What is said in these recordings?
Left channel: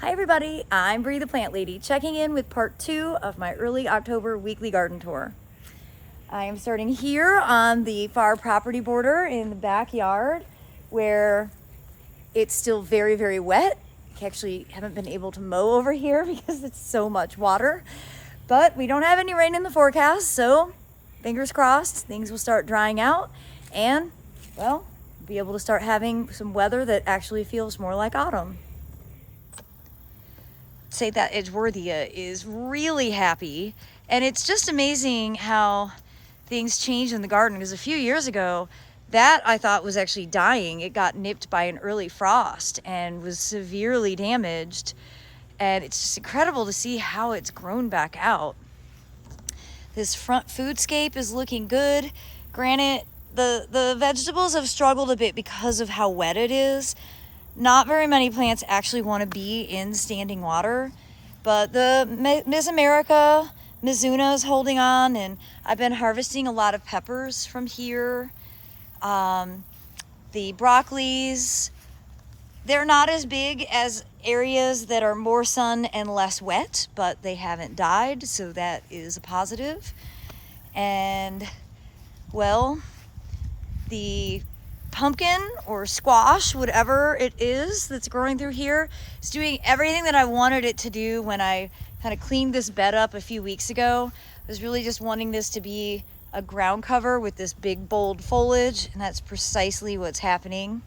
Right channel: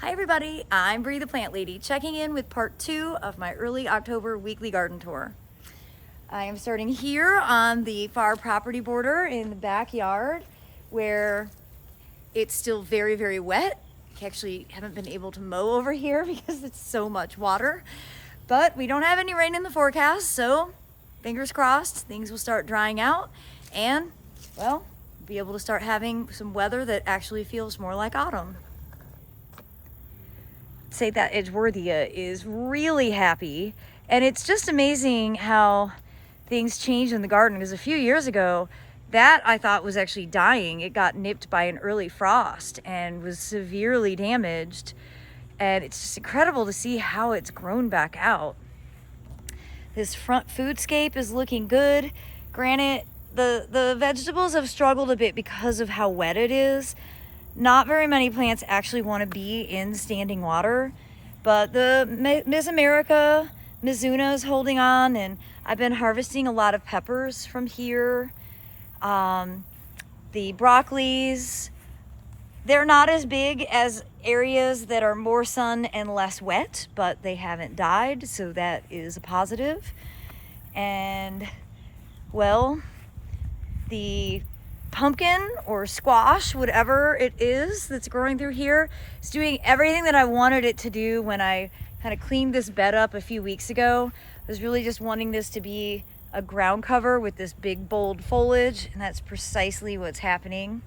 Hi everybody, I'm Bree the Plant Lady, checking in with part 2 of my early October weekly garden tour. I am starting here on the far property border in the backyard where it's still very, very wet. I actually haven't been able to mow over here because it's so much water, but we don't have any rain in the forecast, so fingers crossed things will start drying out and, well, be able to start having some weather that actually feels more like autumn. Say that Edgeworthia is really happy, and it's just amazing how things change in the garden, because a few years ago that I thought was actually dying. It got nipped by an early frost and was severely damaged, and it's just incredible to see how it's grown back out. This front foodscape is looking good. Granted, the vegetables have struggled a bit because of how wet it is. Not very many plants actually want to be in standing water, but the Miss America Mizuna is holding on, and I've been harvesting a lot of peppers from here. The broccolis, they're not as big as areas that are more sun and less wet, but they haven't died, so that is a positive. And, well, the pumpkin or squash, whatever it is that's growing through here, is doing everything that I wanted it to do when I kind of cleaned this bed up a few weeks ago. I was really just wanting this to be a ground cover with this big bold foliage, and that's precisely what's happening.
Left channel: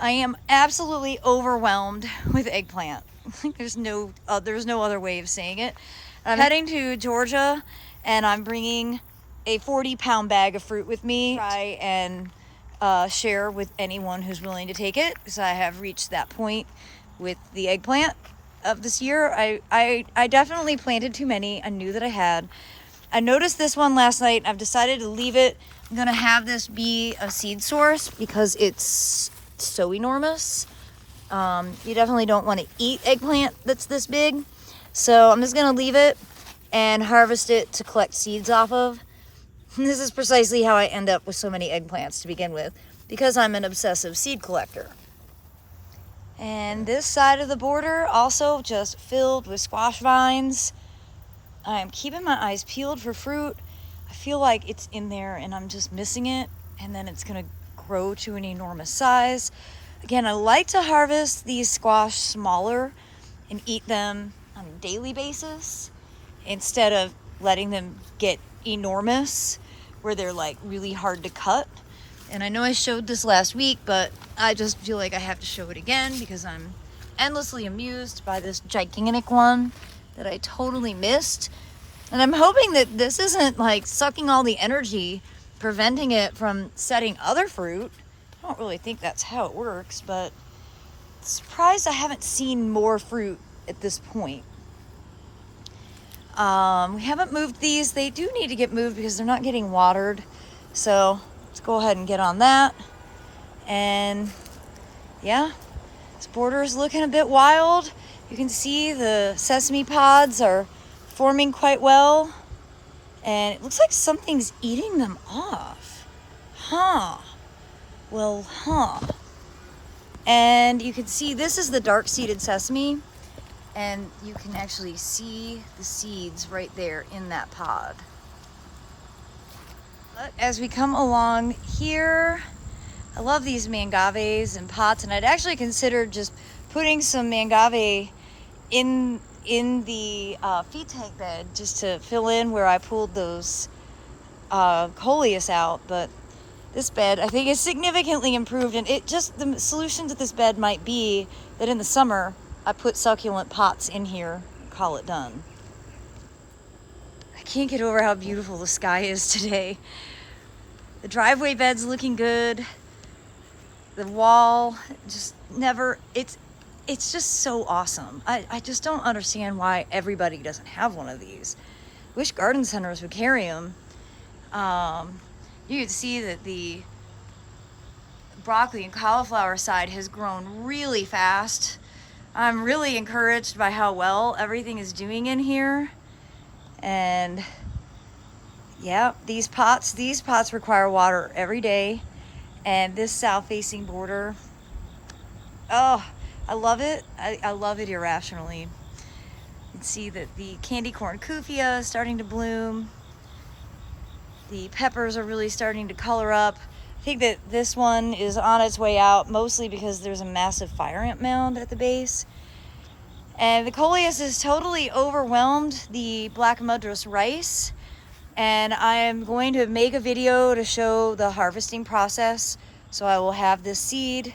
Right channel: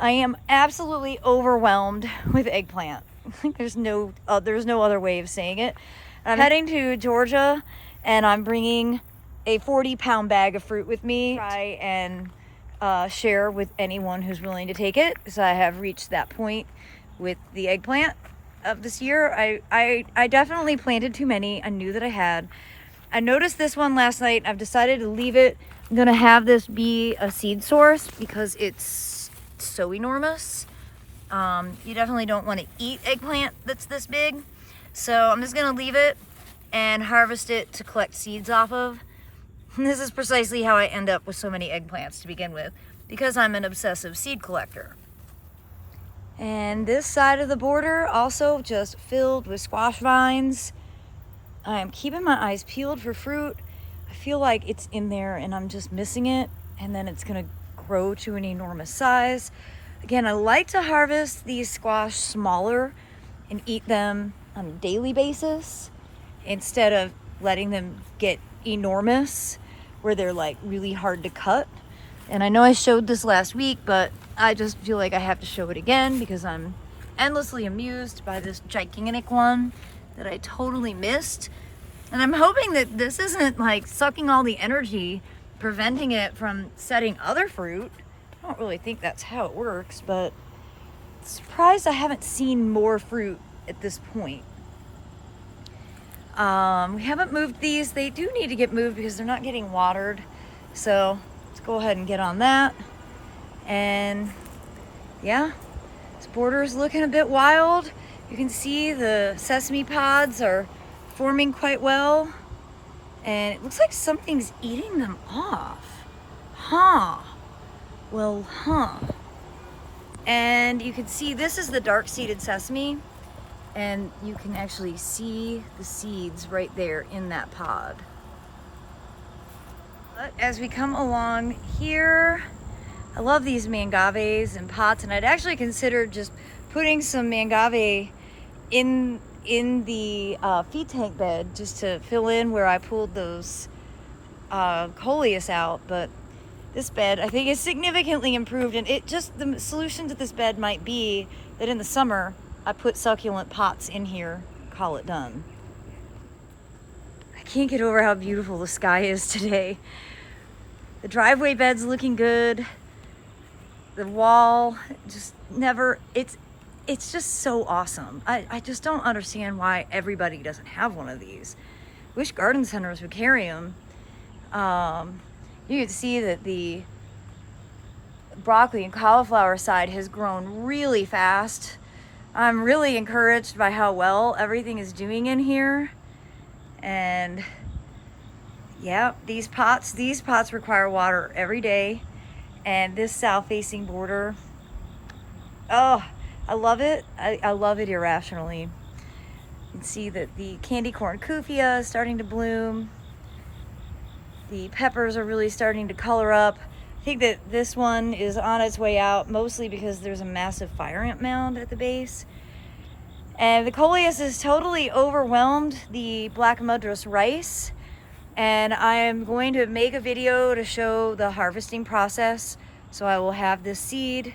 I am absolutely overwhelmed with eggplant. There's no other way of saying it. I'm heading to Georgia, and I'm bringing a 40-pound bag of fruit with me. Try and share with anyone who's willing to take it, because I have reached that point with the eggplant of this year. I definitely planted too many. I knew that I had. I noticed this one last night. I've decided to leave it. I'm gonna have this be a seed source because it's so enormous. You definitely don't want to eat eggplant that's this big, so I'm just gonna leave it and harvest it to collect seeds off of. This is precisely how I end up with so many eggplants to begin with, because I'm an obsessive seed collector. And this side of the border also just filled with squash vines. I am keeping my eyes peeled for fruit. I feel like it's in there and I'm just missing it, and then it's gonna grow to an enormous size. Again, I like to harvest these squash smaller and eat them on a daily basis instead of letting them get enormous where they're like really hard to cut. And I know I showed this last week, but I just feel like I have to show it again because I'm endlessly amused by this gigantic one that I totally missed. And I'm hoping that this isn't like sucking all the energy, preventing it from setting other fruit. I don't really think that's how it works, but surprised I haven't seen more fruit at this point. We haven't moved these. They do need to get moved because they're not getting watered. So let's go ahead and get on that. And yeah, this border is looking a bit wild. You can see the sesame pods are forming quite well. And it looks like something's eating them off. And you can see this is the dark seeded sesame. And you can actually see the seeds right there in that pod. But as we come along here, I love these mangaves and pots, and I'd actually considered just putting some mangave in the feed tank bed just to fill in where I pulled those coleus out. But this bed I think is significantly improved, and the solution to this bed might be that in the summer I put succulent pots in here, call it done. I can't get over how beautiful the sky is today. The driveway bed's looking good. The wall just never, it's just so awesome. I just don't understand why everybody doesn't have one of these. Wish garden centers would carry them. You can see that the broccoli and cauliflower side has grown really fast. I'm really encouraged by how well everything is doing in here. And yeah, these pots require water every day. And this south facing border, oh, I love it. I love it irrationally. You can see that the candy corn kufia is starting to bloom. The peppers are really starting to color up. I think that this one is on its way out, mostly because there's a massive fire ant mound at the base. And the coleus has totally overwhelmed the black madras rice. And I am going to make a video to show the harvesting process. So I will have this seed.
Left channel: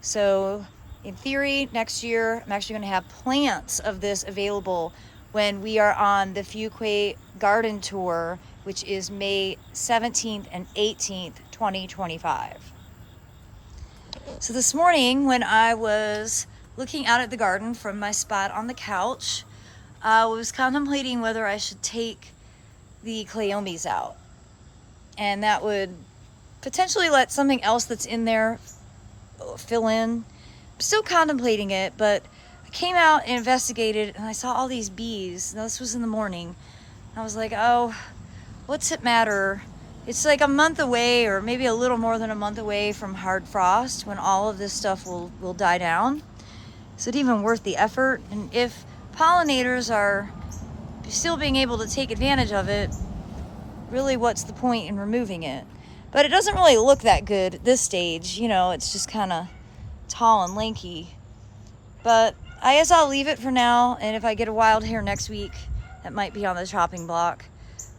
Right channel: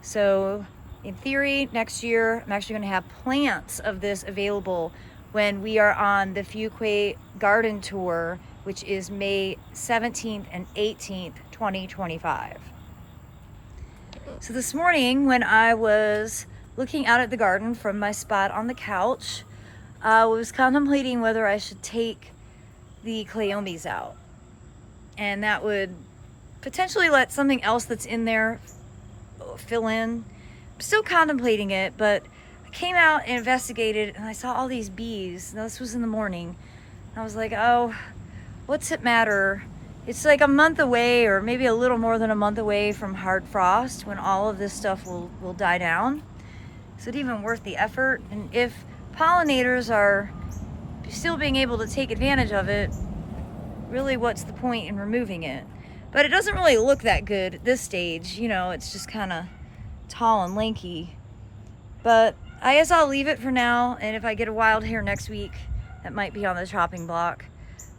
So in theory, next year, I'm actually going to have plants of this available when we are on the Fuquay garden tour, which is May 17th and 18th, 2025. So this morning when I was looking out at the garden from my spot on the couch, I was contemplating whether I should take the cleomes out. And that would potentially let something else that's in there fill in. I'm still contemplating it, but I came out and investigated and I saw all these bees. Now, this was in the morning. I was like, oh, what's it matter? It's like a month away, or maybe a little more than a month away from hard frost when all of this stuff will die down. Is it even worth the effort? And if pollinators are still being able to take advantage of it, really what's the point in removing it? But it doesn't really look that good at this stage. You know, it's just kind of tall and lanky. But I guess I'll leave it for now, and if I get a wild hair next week, that might be on the chopping block,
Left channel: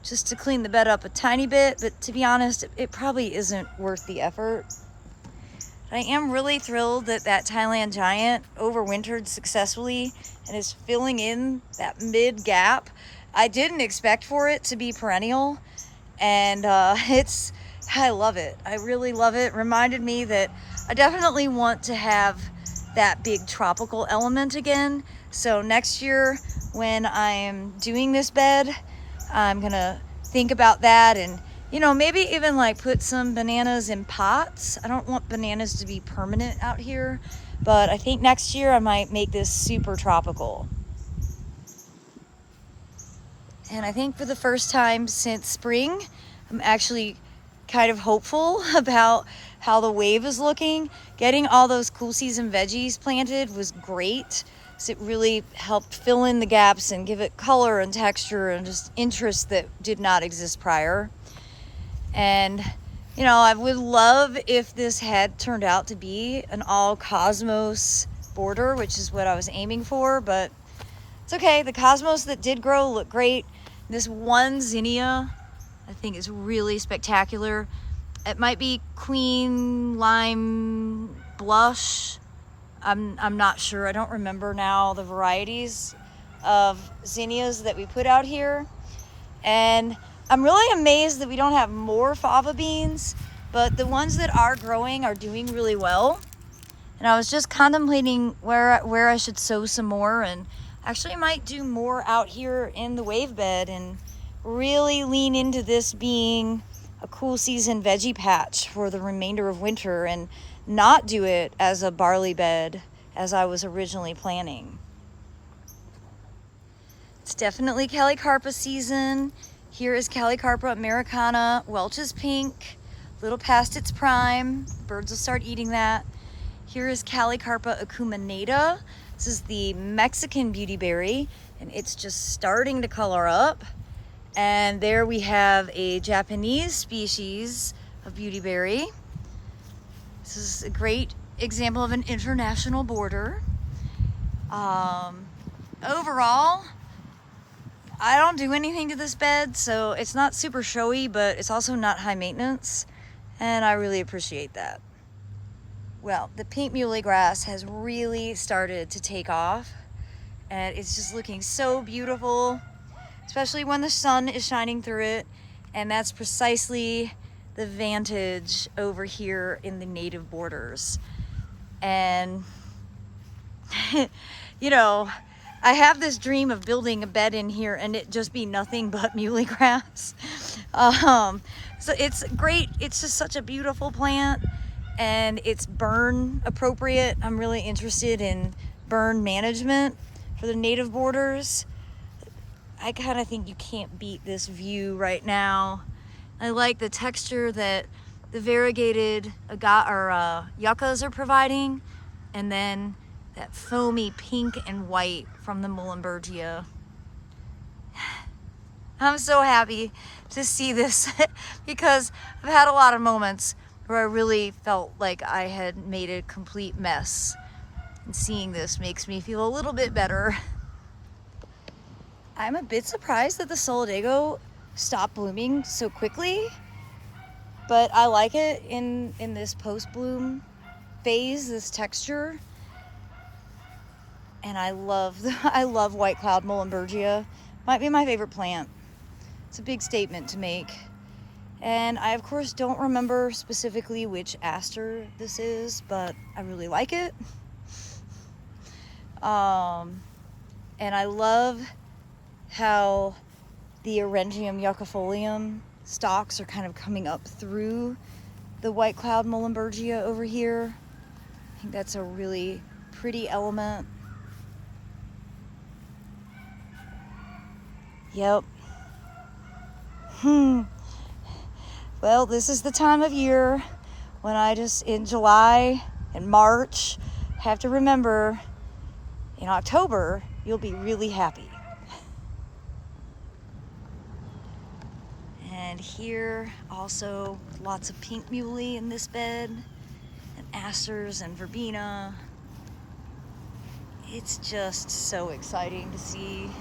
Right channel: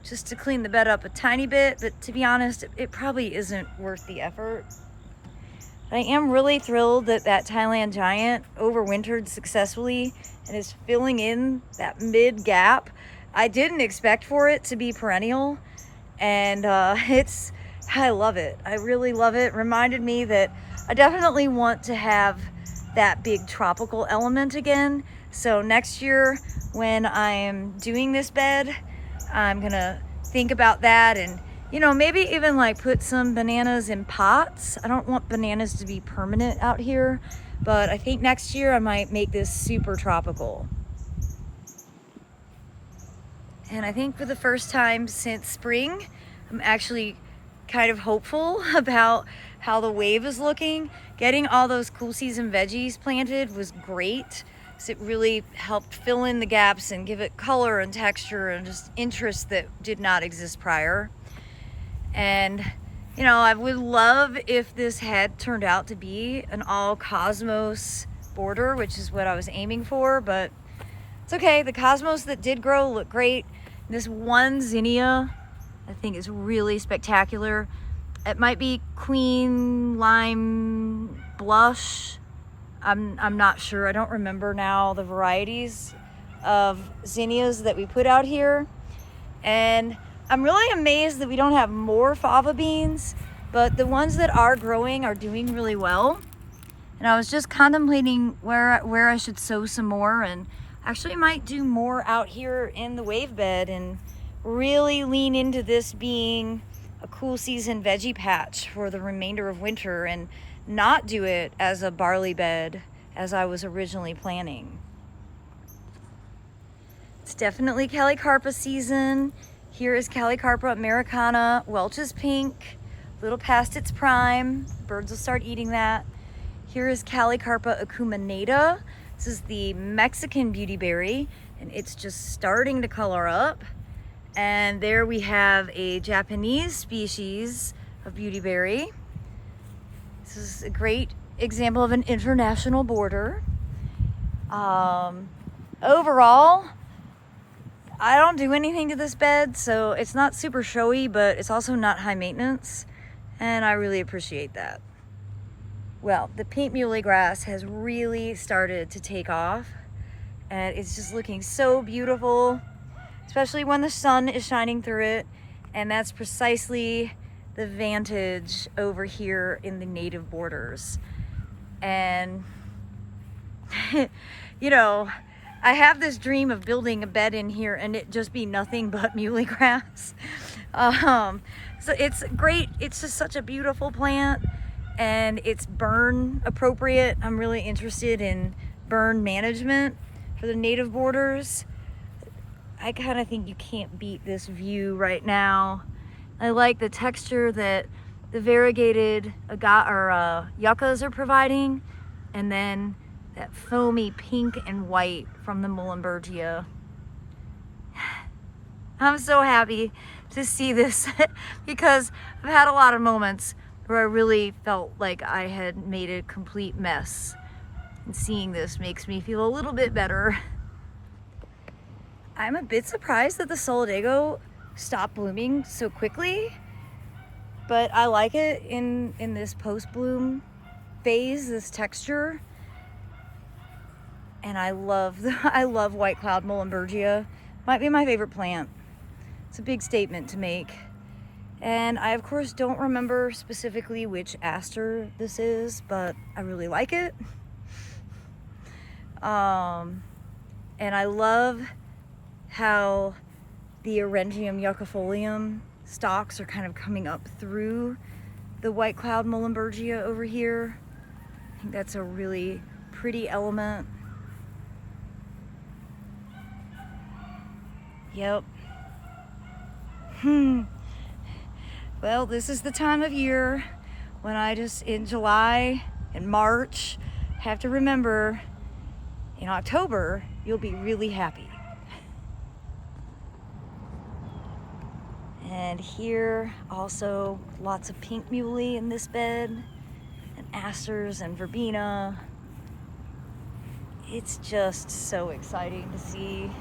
just to clean the bed up a tiny bit. But to be honest, it probably isn't worth the effort. I am really thrilled that that Thailand giant overwintered successfully and is filling in that mid gap. I didn't expect for it to be perennial, and I love it. I really love it. Reminded me that I definitely want to have that big tropical element again. So next year when I am doing this bed, I'm gonna think about that, and you know, maybe even like put some bananas in pots. I don't want bananas to be permanent out here, but I think next year I might make this super tropical. And I think for the first time since spring, I'm actually kind of hopeful about how the wave is looking. Getting all those cool season veggies planted was great. So it really helped fill in the gaps and give it color and texture and just interest that did not exist prior. And you know, I would love if this had turned out to be an all cosmos border, which is what I was aiming for, but it's okay. The cosmos that did grow look great. This one zinnia I think is really spectacular. It might be Queen Lime Blush. I'm not sure. I don't remember now the varieties of zinnias that we put out here. And I'm really amazed that we don't have more fava beans, but the ones that are growing are doing really well. And I was just contemplating where I should sow some more, and actually might do more out here in the wave bed and really lean into this being a cool season veggie patch for the remainder of winter and not do it as a barley bed as I was originally planning. It's definitely Calicarpa season. Here is Calicarpa americana, Welch's pink, a little past its prime. Birds will start eating that. Here is Calicarpa acuminata. This is the Mexican beauty berry, and it's just starting to color up. And there we have a Japanese species of beauty berry. This is a great example of an international border. Overall, I don't do anything to this bed, so it's not super showy, but it's also not high maintenance, and I really appreciate that. Well, the pink muley grass has really started to take off, and it's just looking so beautiful, especially when the sun is shining through it, and that's precisely the vantage over here in the native borders. And you know, I have this dream of building a bed in here and it just be nothing but muley grass. So it's great. It's just such a beautiful plant, and it's burn appropriate. I'm really interested in burn management for the native borders. I kind of think you can't beat this view right now. I like the texture that the variegated yuccas are providing, and then that foamy pink and white from the Muhlenbergia. I'm so happy to see this because I've had a lot of moments where I really felt like I had made a complete mess. And seeing this makes me feel a little bit better. I'm a bit surprised that the Solidago stopped blooming so quickly, but I like it in this post-bloom phase, this texture. And I love white cloud Muhlenbergia. Might be my favorite plant. It's a big statement to make. And I of course don't remember specifically which aster this is, but I really like it. And I love how the Orangium yuccifolium stalks are kind of coming up through the white cloud Muhlenbergia over here. I think that's a really pretty element. Yep. Well, this is the time of year when I just, in July and March, have to remember in October, you'll be really happy. And here also lots of pink muley in this bed, and asters and verbena. It's just so exciting to see.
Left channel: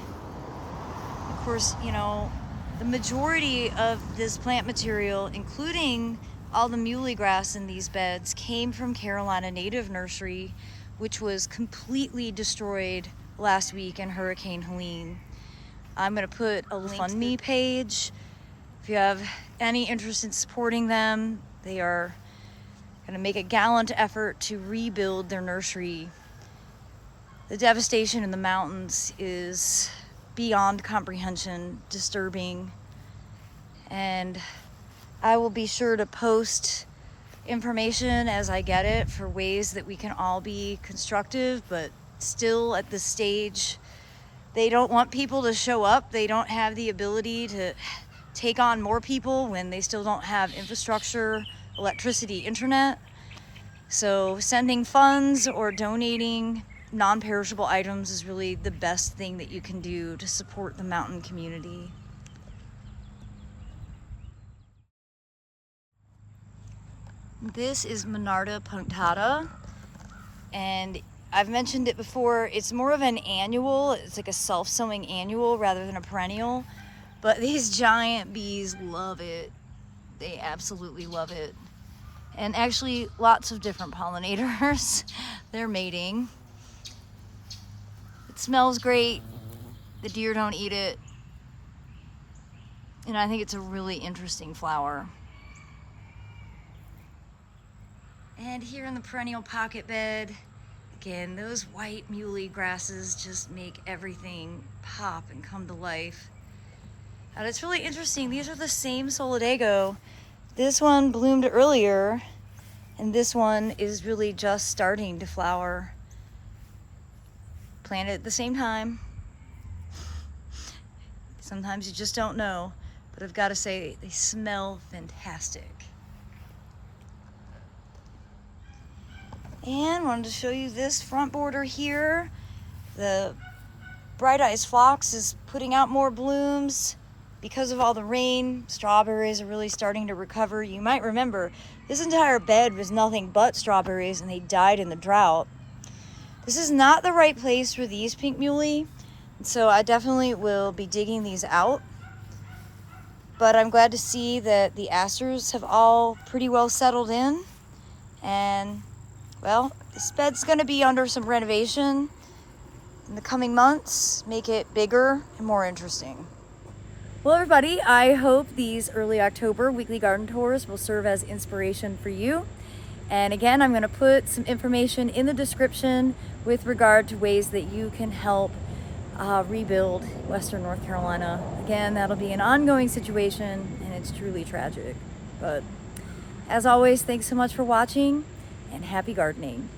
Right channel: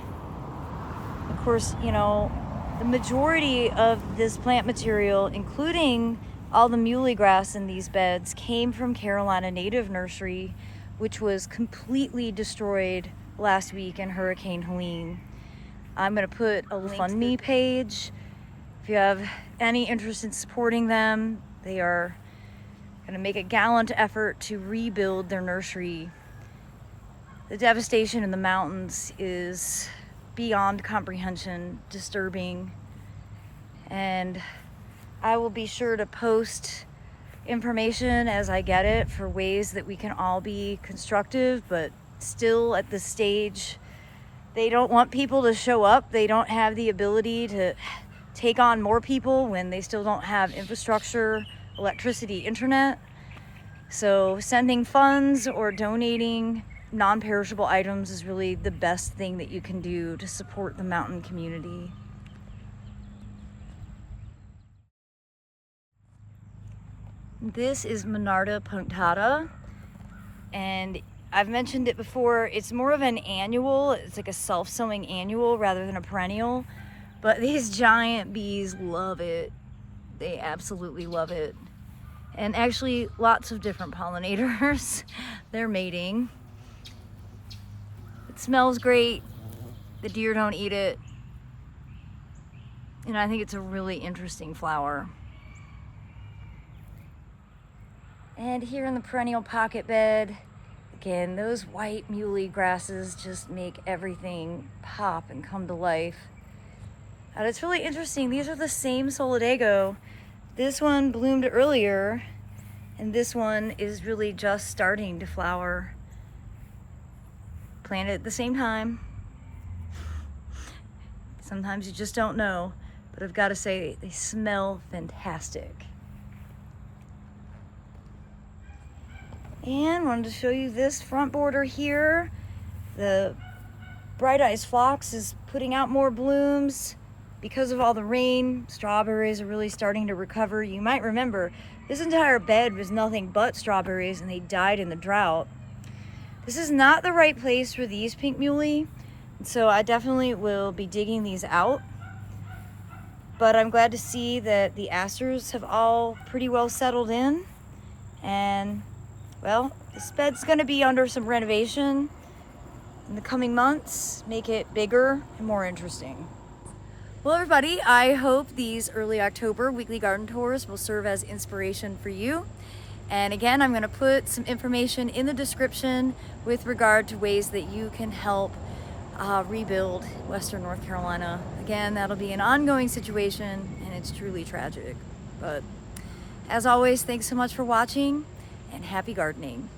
Of course, you know, the majority of this plant material, including all the muley grass in these beds, came from Carolina Native Nursery, which was completely destroyed last week in Hurricane Helene. I'm gonna put a GoFundMe page. If you have any interest in supporting them, they are gonna make a gallant effort to rebuild their nursery. The devastation in the mountains is beyond comprehension, disturbing, and I will be sure to post information as I get it for ways that we can all be constructive, but still at this stage, they don't want people to show up. They don't have the ability to take on more people when they still don't have infrastructure, electricity, internet. So sending funds or donating non-perishable items is really the best thing that you can do to support the mountain community. This is Monarda punctata, and I've mentioned it before, it's more of an annual. It's like a self-sowing annual rather than a perennial, but these giant bees love it. They absolutely love it. And actually lots of different pollinators. They're mating. It smells great. The deer don't eat it. And I think it's a really interesting flower. And here in the perennial pocket bed, again, those white muley grasses just make everything pop and come to life. And it's really interesting. These are the same Solidago. This one bloomed earlier, and this one is really just starting to flower. Planted at the same time. Sometimes you just don't know, but I've got to say they smell fantastic. And wanted to show you this front border here. The Bright Eyes Phlox is putting out more blooms because of all the rain. Strawberries are really starting to recover. You might remember this entire bed was nothing but strawberries and they died in the drought. This is not the right place for these pink muley, so I definitely will be digging these out. But I'm glad to see that the asters have all pretty well settled in. And well, this bed's gonna be under some renovation in the coming months, make it bigger and more interesting. Well, everybody, I hope these early October weekly garden tours will serve as inspiration for you. And again, I'm gonna put some information in the description with regard to ways that you can help rebuild Western North Carolina. Again, that'll be an ongoing situation and it's truly tragic. But as always, thanks so much for watching and happy gardening.